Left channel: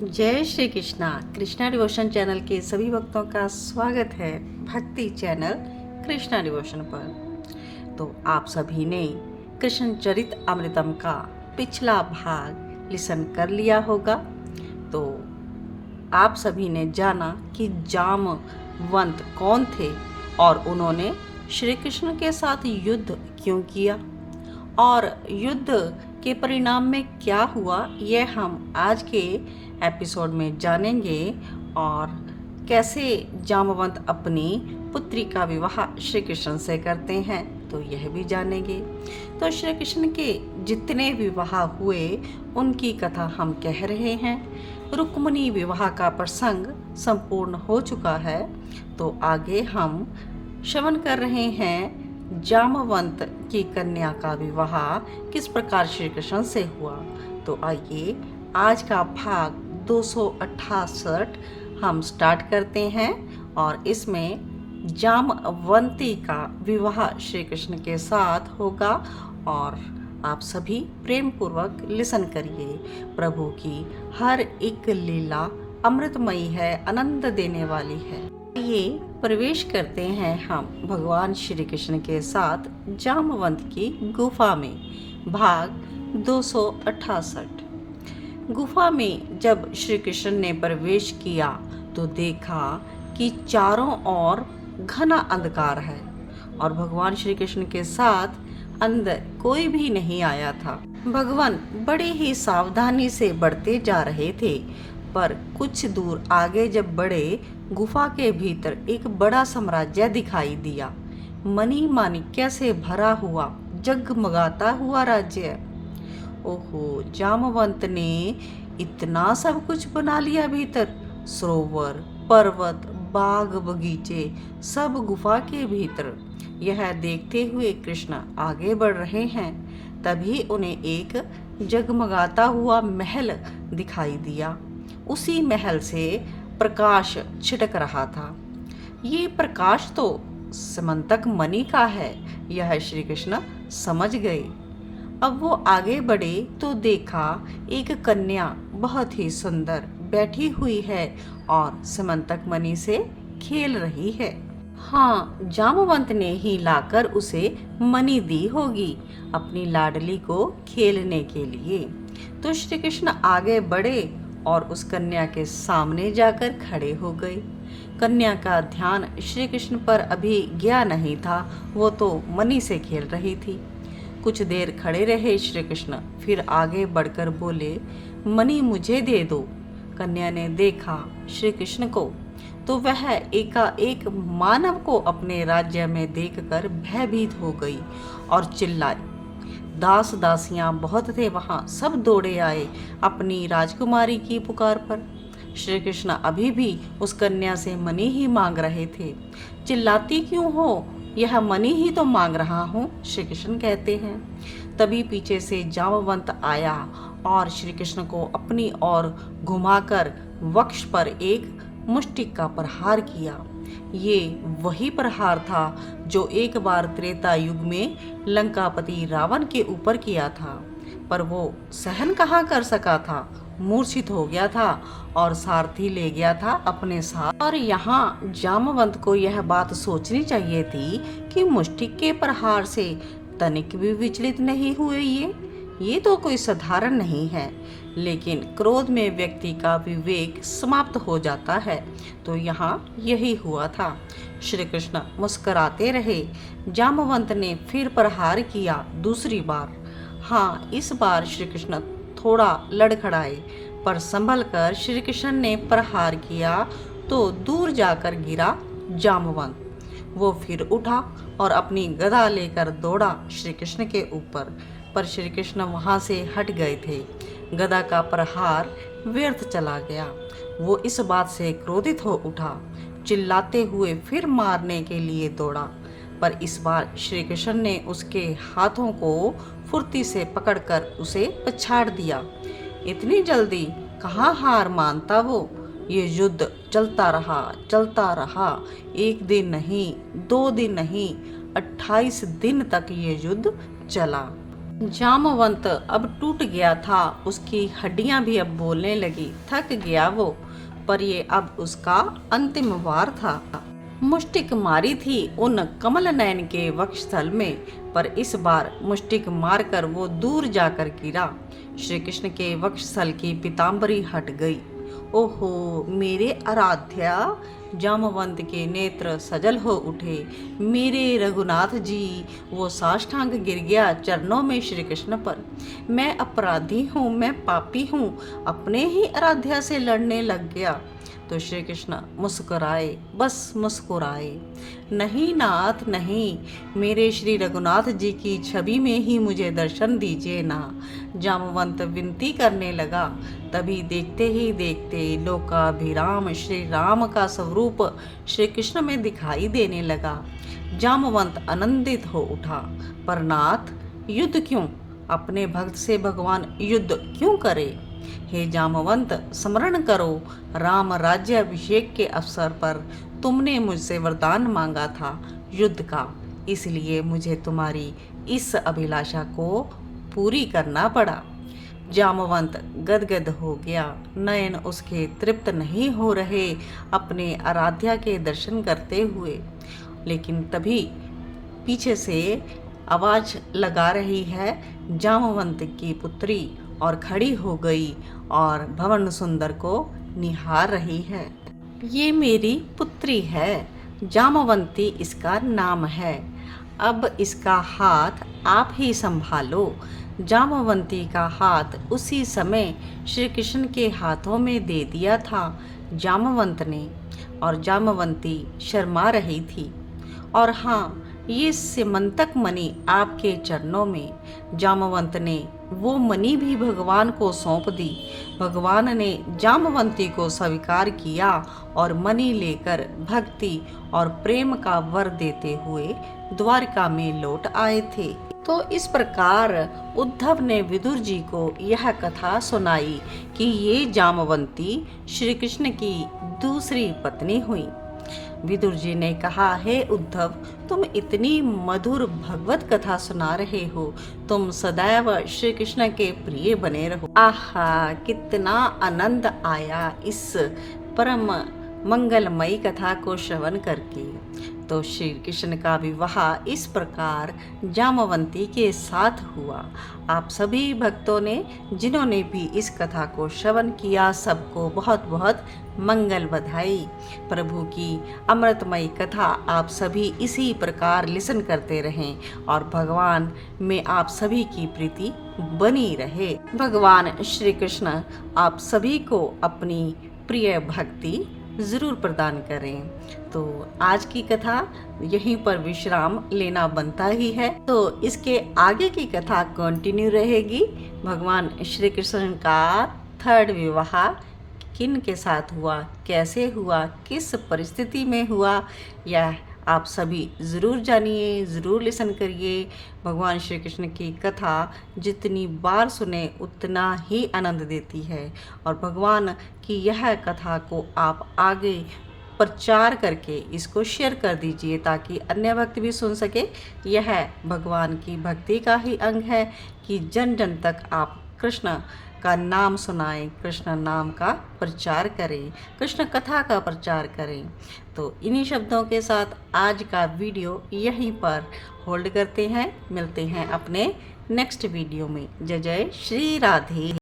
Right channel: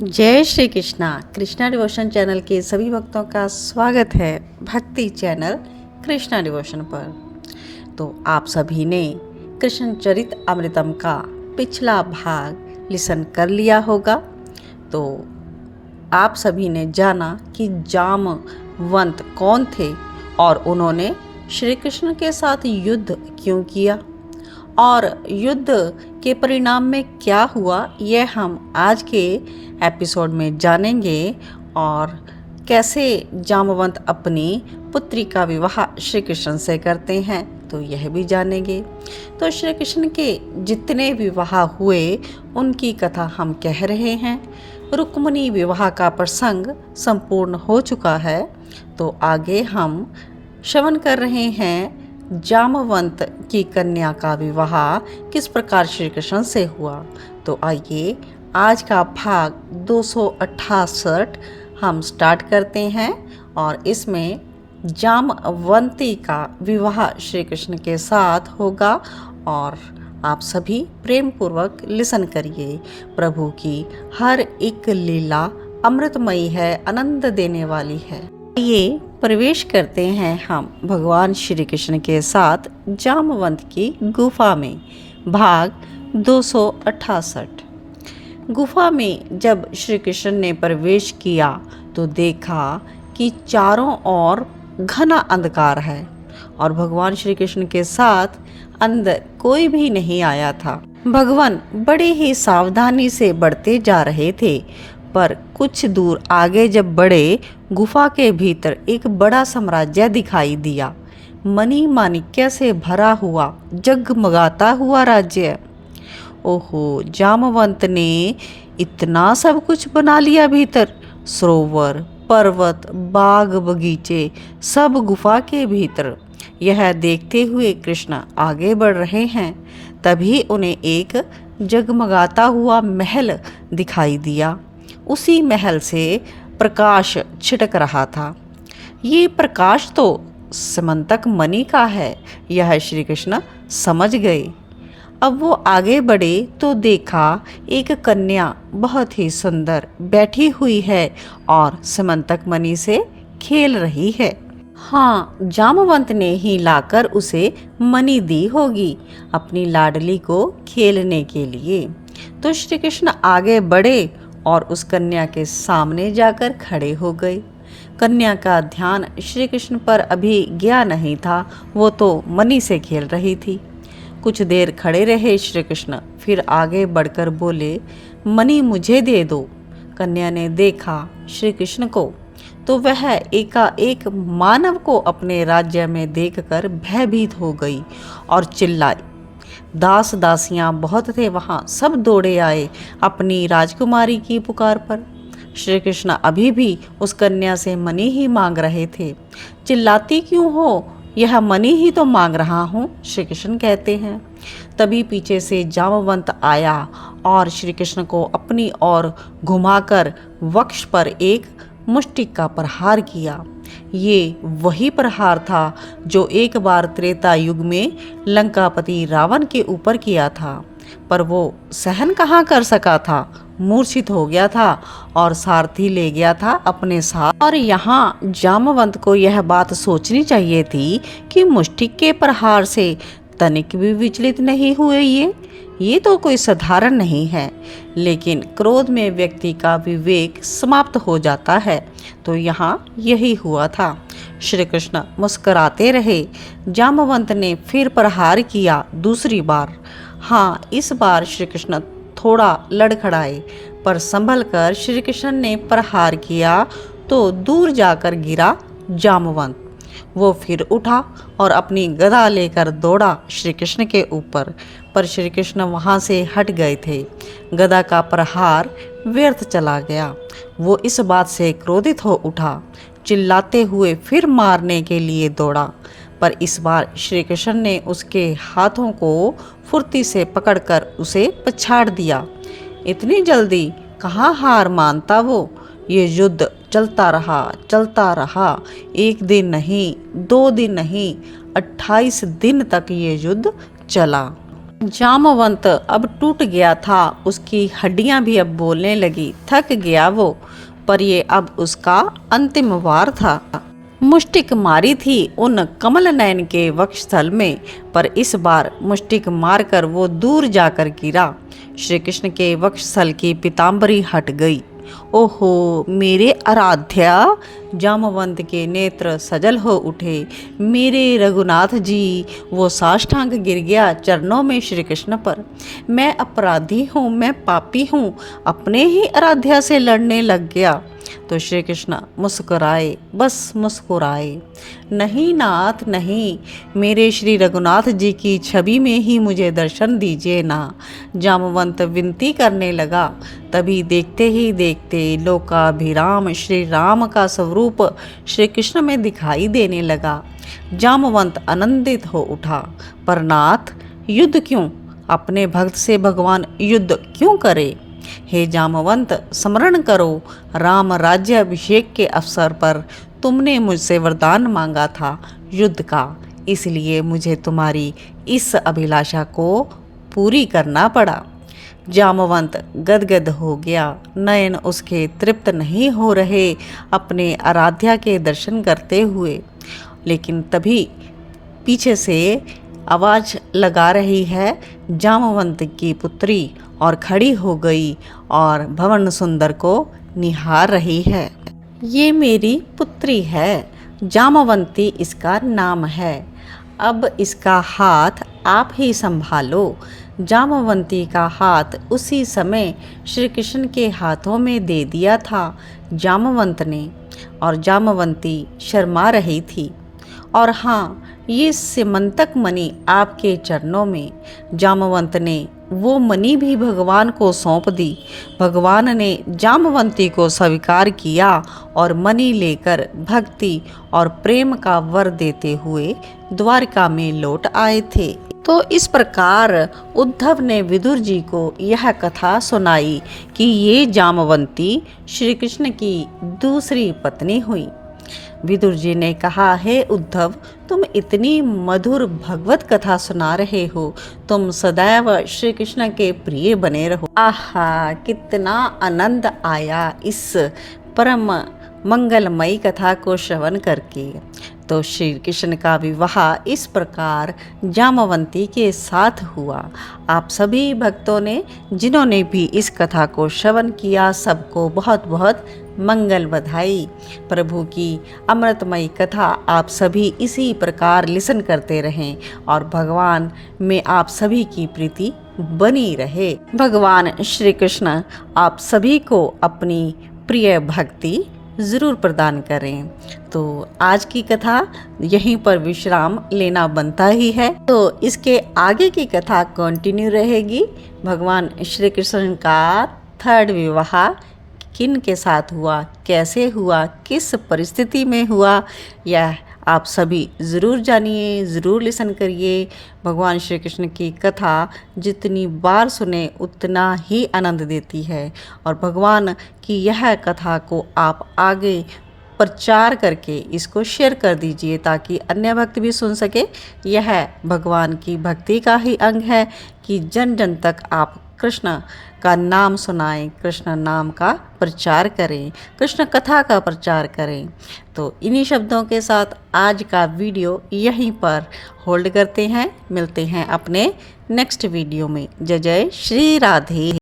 जय Shri Krishna. Krishna devotion channel के सभी भक्तों का स्वागत है भक्ति चैनल कृष्णा डिवोशन पर। तो आप सभी ने कृष्ण चरित अमृतम का पिछला भाग लिसन कर लिया होगा। तो आप सभी ने जाना कि जामवंत कौन थे और उन्होंने श्री कृष्ण के साथ युद्ध क्यों किया और युद्ध के परिणाम में क्या हुआ, यह हम आज के एपिसोड में जानेंगे। और कैसे जामवंत अपनी पुत्री का विवाह श्री कृष्ण से करते हैं, तो यह भी जानेंगे। तो श्री कृष्ण के जितने विवाह हुए उनकी कथा हम कह रहे हैं। रुक्मिणी विवाह का प्रसंग संपूर्ण हो चुका है, तो आगे हम श्रवण कर रहे हैं जामवंत की कन्या का विवाह किस प्रकार श्री कृष्ण से हुआ। तो आइए आज का भाग 268 हम स्टार्ट करते हैं और इसमें जामवंती का विवाह श्री कृष्ण के साथ होगा। और आप सभी प्रेम पूर्वक लिसन करिए। प्रभु की हर एक लीला अमृतमयी है, आनंद देने वाली है। ये प्रवेश करते हैं हम भगवान श्री कृष्ण के साथ जामवंत की गुफा में। भाग 268। गुफा में जब श्री कृष्ण ने प्रवेश किया तो देखा कि चारों ओर घना अंधकार है और भगवान श्री कृष्ण के साथ अंदर कोई भी नहीं आया था। भगवान बड़े ही सावधानी से बढ़ते जा रहे थे, पर कुछ दूर आगे जब बढ़े, गुफा के भीतर एक बड़ा साम्राज्य दिखाई दिया। मणि माणिक्य से भरा हुआ जगमगाता हुआ राज्य। ओहो, जामवंत ने इतना सब कुछ बना लिया भीतर। सरोवर, पर्वत, बाग, बगीचे, सब गुफा के भीतर। यह देखते हुए कृष्ण आगे बढ़ रहे हैं। तभी उन्हें एक जगमगाता हुआ महल दिखाई दिया। उसी महल से प्रकाश छिटक रहा था। ये प्रकाश तो समंतक मणि का है, यह श्री कृष्ण समझ गए। अब वो आगे बढ़े तो देखा एक कन्या बहुत ही सुंदर बैठी हुई है और समंतक मणि से खेल रही है। हाँ, जामवंत ने ही लाकर उसे मणि दी होगी अपनी लाडली को खेलने के लिए। तो श्री कृष्ण आगे बढ़े और उस कन्या के सामने जाकर खड़े हो गए। कन्या का ध्यान श्री कृष्ण पर अभी गया नहीं था, वो तो मणि से खेल रही थी। कुछ देर खड़े रहे श्री कृष्ण, फिर आगे बढ़कर बोले, मणि मुझे दे दो। कन्या ने देखा श्री कृष्ण को तो वह एकाएक मानव को अपने राज्य में देखकर भयभीत हो गई और चिल्लाई। दास दासियां बहुत थे वहां, सब दौड़े आए अपनी राजकुमारी की पुकार पर। श्री कृष्ण अभी भी उस कन्या से मणि ही मांग रहे थे। चिल्लाती क्यों हो, यह मणि ही तो मांग रहा हूँ, श्री कृष्ण कहते हैं। तभी पीछे से जामवंत आया और श्री कृष्ण को अपनी ओर घुमाकर वक्ष पर एक मुष्टिक का प्रहार किया। ये वही प्रहार था जो एक बार त्रेता युग में लंकापति रावण के ऊपर किया था, पर वो सहन कहाँ कर सका था, मूर्छित हो गया था और सारथी ले गया था अपने साथ। और यहाँ जामवंत को यह बात सोचनी चाहिए थी कि मुष्टिक के प्रहार से तनिक भी विचलित नहीं हुए ये तो कोई साधारण नहीं है। लेकिन क्रोध में व्यक्ति का विवेक समाप्त हो जाता है, तो यहाँ यही हुआ था। श्री कृष्ण मुस्कुराते रहे। जामवंत ने फिर प्रहार किया दूसरी बार। हाँ, इस बार श्री कृष्ण थोड़ा लड़खड़ाए, पर संभल कर श्री कृष्ण ने प्रहार किया तो दूर जाकर गिरा जामवंत। वो फिर उठा और अपनी गदा लेकर दौड़ा श्री कृष्ण के ऊपर, पर श्री कृष्ण वहां से हट गए थे। गदा का प्रहार व्यर्थ चला गया। वो इस बात से क्रोधित हो उठा, चिल्लाते हुए फिर मारने के लिए दौड़ा, पर इस बार श्री कृष्ण ने उसके हाथों को फुर्ती से पकड़कर उसे पछाड़ दिया। इतनी जल्दी कहाँ हार मानता वो। ये युद्ध चलता रहा। एक दिन नहीं, 2 दिन नहीं, 28 दिन तक ये युद्ध चला। जामवंत अब टूट गया था, उसकी हड्डियां भी अब बोलने लगी। थक गया वो, पर ये अब उसका अंतिम वार था। मुष्टिक मारी थी उन कमल नयन के वक्षस्थल में, पर इस बार मुष्टिक मारकर वो दूर जाकर गिरा। श्री कृष्ण के वक्षस्थल की पीताम्बरी हट गई। ओहो मेरे आराध्या! जामवंत के नेत्र सजल हो उठे। मेरे रघुनाथ जी! वो साष्टांग गिर गया चरणों में श्री कृष्ण पर। मैं अपराधी हूँ, मैं पापी हूँ, अपने ही आराध्या से लड़ने लग गया। तो श्री कृष्ण मुस्कुराए, बस मुस्कुराए। नहीं नाथ नहीं, मेरे श्री रघुनाथ जी की छवि में ही मुझे दर्शन दीजिए ना। जामवंत विनती करने लगा। तभी देखते ही देखते लोकाभिराम श्री राम का स्वरूप श्री कृष्ण में दिखाई देने लगा। जामवंत आनंदित हो उठा। पर नाथ, युद्ध क्यों? अपने भक्त से भगवान युद्ध क्यों करे? हे जामवंत, स्मरण करो, राम राज्य अभिषेक के अवसर पर तुमने मुझसे वरदान मांगा था युद्ध का, इसलिए मुझे तुम्हारी इस अभिलाषा को पूरी करना पड़ा। जामवंत गदगद हो गया। नयन उसके तृप्त नहीं हो रहे अपने आराध्या के दर्शन करते हुए। लेकिन तभी पीछे से आवाज लगा रही है जामवंत की पुत्री, और खड़ी हो गई और भवन सुंदर को निहार रही है। ये मेरी पुत्री है, जामवंती इसका नाम है। अब इसका हाथ आप ही संभालो। जामवंती का हाथ उसी समय श्री कृष्ण के हाथों में दे दिया था जामवंत ने, और जामवंती शर्मा रही थी। और हाँ, ये सिमंतक मणि आपके चरणों में। जामवंत ने वो मणि भी भगवान को सौंप दी। भगवान ने जामवंती को स्वीकार किया और मणि लेकर भक्ति और प्रेम का वर देते हुए द्वारका में लौट आए थे। तो इस प्रकार उद्धव ने विदुर जी को यह कथा सुनाई कि ये जामवंती श्री कृष्ण की दूसरी पत्नी हुई। विदुर जी ने कहा, हे उद्धव, तुम इतनी मधुर भगवत कथा सुना रहे हो, तुम सदैव श्री कृष्ण के प्रिय बने रहो। आहा, कितना आनंद आया इस परम मंगलमयी कथा को श्रवण करके। तो श्री कृष्ण का विवाह इस प्रकार जामवंती के साथ हुआ। आप सभी भक्तों ने जिन्होंने भी इस कथा को श्रवण किया, सबको बहुत बहुत मंगल बधाई। प्रभु की अमृतमयी कथा आप सभी इसी प्रकार लिसन करते रहें और भगवान में आप सभी की प्रीति बनी रहे। भगवान श्री कृष्ण आप सभी को अपनी प्रिय भक्ति ज़रूर प्रदान करें। तो आज की कथा यहीं पर विश्राम लेना बनता ही है। तो इसके आगे की कथा कंटिन्यू रहेगी। भगवान श्री कृष्ण का थर्ड विवाह किन के साथ हुआ, कैसे हुआ, किस परिस्थिति में हुआ, यह आप सभी ज़रूर जानिए, ज़रूर लिसन करिए। भगवान श्री कृष्ण की कथा जितनी बार सुने उतना ही आनंद देती है, और भगवान की यह कथा को आप आगे प्रचार करके इसको शेयर कर दीजिए ताकि अन्य भक्त भी सुन सके। यह भगवान की भक्ति का ही अंग है कि जन जन तक आप कृष्ण का नाम सुनाएं, कृष्ण नाम का प्रचार करें, कृष्ण कथा का प्रचार करें। तो इन्हीं शब्दों के साथ आज का वीडियो यहीं पर होल्ड करते हैं। मिलते हैं अपने नेक्स्ट वीडियो में। जय जय श्री राधे।